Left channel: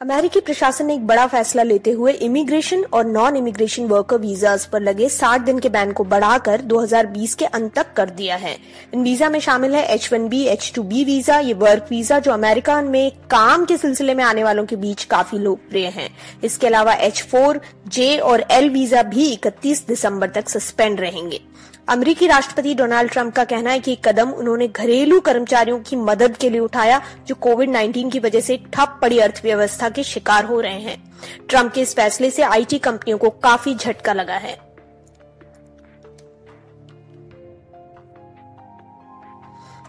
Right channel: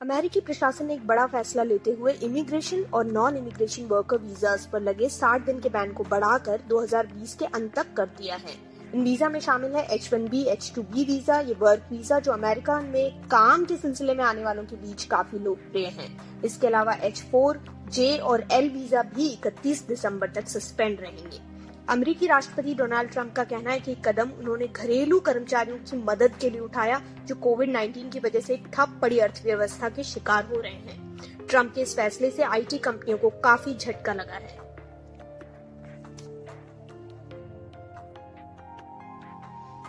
अमेरिकी प्रशासन ने एक बड़ा फैसला लेते हुए इमिग्रेशन और नॉन इमिग्रेशन वर्कर वीजास पर लगे 60 दिन के बैन को बढ़ाकर 2020 के अंत तक कर दिया है। इन वीजा में शामिल है H1B, H2B वीजा, ये वर्क वीजा जो अमेरिका में काम के सिलसिले में आने वालों के बीच काफी लोकप्रिय हैं। इसके अलावा H4, J और L वीजा भी 31 दिसंबर तक सस्पेंड रहेंगे। अमेरिकी राष्ट्रपति डोनाल्ड ट्रंप का कहना है कि कदम उन्होंने घरेलू कर्मचारियों की मदद के लिए उठाया जो कोविड-19 की वजह से ठप पड़ी अर्थव्यवस्था के शिकार हो रहे हैं। ट्रंप के इस फैसले से आईटी कंपनियों को काफी झटका लगा है।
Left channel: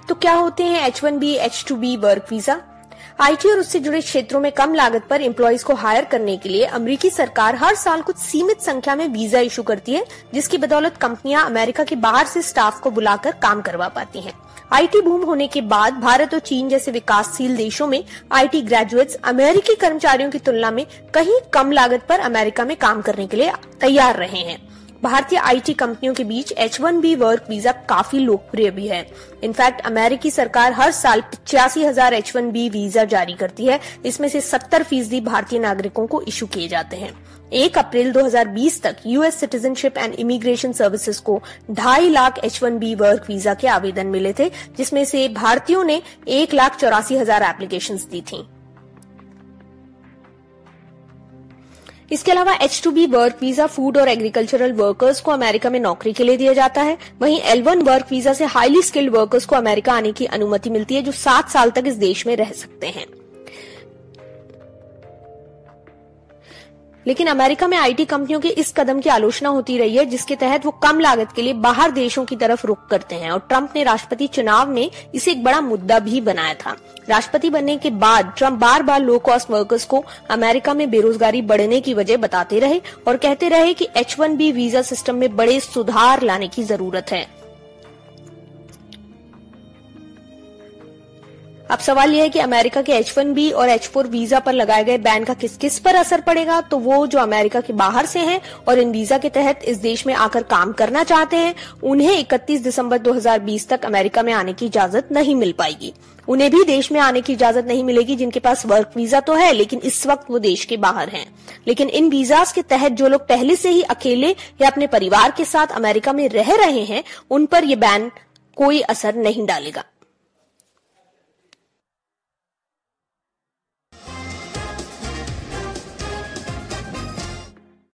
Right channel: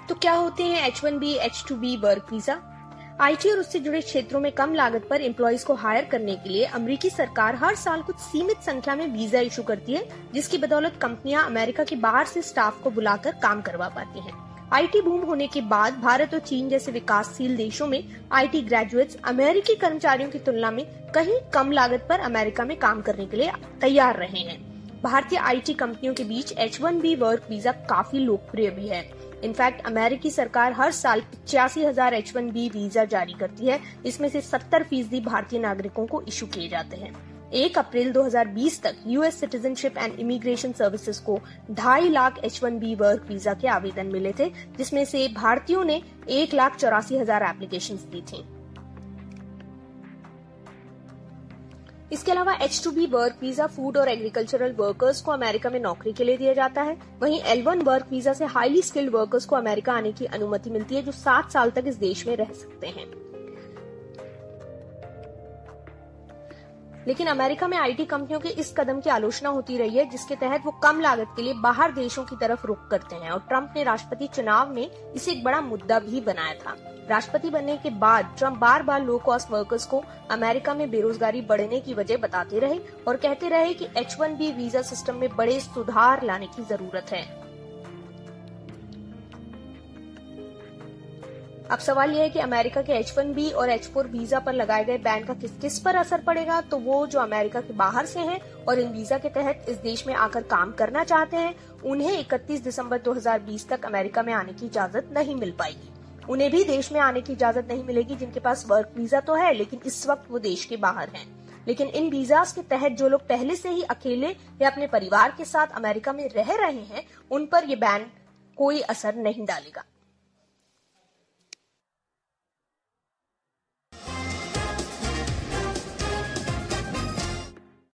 तो क्या होते हैं H1B, H2B work visa? IT और उससे जुड़े क्षेत्रों में कम लागत पर एम्प्लॉइज को हायर करने के लिए अमेरिकी सरकार हर साल कुछ सीमित संख्या में वीजा इशू करती है, जिसकी बदौलत कंपनियां अमेरिका के बाहर से स्टाफ को बुलाकर काम करवा पाती हैं। आईटी बूम होने के बाद भारत और चीन जैसे विकासशील देशों में आईटी ग्रेजुएट्स अमेरिकी कर्मचारियों की तुलना में कहीं कम लागत पर अमेरिका में काम करने के लिए तैयार रहे हैं। भारतीय आईटी कंपनियों के बीच H1B वर्क वीजा काफी लोकप्रिय भी है। इनफैक्ट अमेरिकी सरकार हर साल 85,000 H1B वीजा जारी करती है। इसमें से 70% भारतीय नागरिकों को इशू किए जाते हैं। 1 अप्रैल 2020 तक US citizenship and immigration services को 2.5 लाख H1B वर्क वीजा के आवेदन मिले थे, जिसमें से भारतीयों ने 1,84,000 एप्लीकेशंस दी थी। इसके अलावा H2B वर्क वीजा फूड और एग्रीकल्चरल वर्कर्स को अमेरिका में नौकरी के लिए दिया जाता है। वहीं L1 वर्क वीजा से हाईली स्किल्ड वर्कर्स को अमेरिका आने की अनुमति मिलती है जो 7 साल तक इस देश में रह सकते हैं। लेकिन अमेरिका में आईटी कंपनियों के इस कदम की आलोचना होती रही है, जिसके तहत वो कम लागत के लिए बाहर देशों की तरफ रुख करते हैं और ट्रंप ने राष्ट्रपति चुनाव में इसे एक बड़ा मुद्दा भी बनाया था। राष्ट्रपति बनने के बाद ट्रंप बार बार लो कॉस्ट वर्कर्स को अमेरिका में बेरोजगारी बढ़ने की वजह बताते रहे और कहते रहे कि H1B वीजा सिस्टम में बड़े सुधार लाने की जरूरत है। अब सवाल यह है कि अमेरिका के H1B और H4 वीजा पर लगाए गए बैन का किस किस पर असर पड़ेगा। तो वो जो अमेरिका के बाहर से हैं और इन वीजा के तहत इस देश में आकर काम करना चाहते हैं, उन्हें 31 दिसंबर 2020 तक अमेरिका में आने की इजाजत नहीं मिल पाएगी। उन्हें भी देश में आने की इजाजत नहीं मिलेगी जिनके पास वर्क वीजा तो है लेकिन इस वक्त वो देश के बाहर हैं। लेकिन इन वीजास के तहत जो लोग पहले से ही अकेले या अपने परिवार के साथ अमेरिका में रह रहे हैं, उन पर यह बैन कोई असर नहीं डालेगा।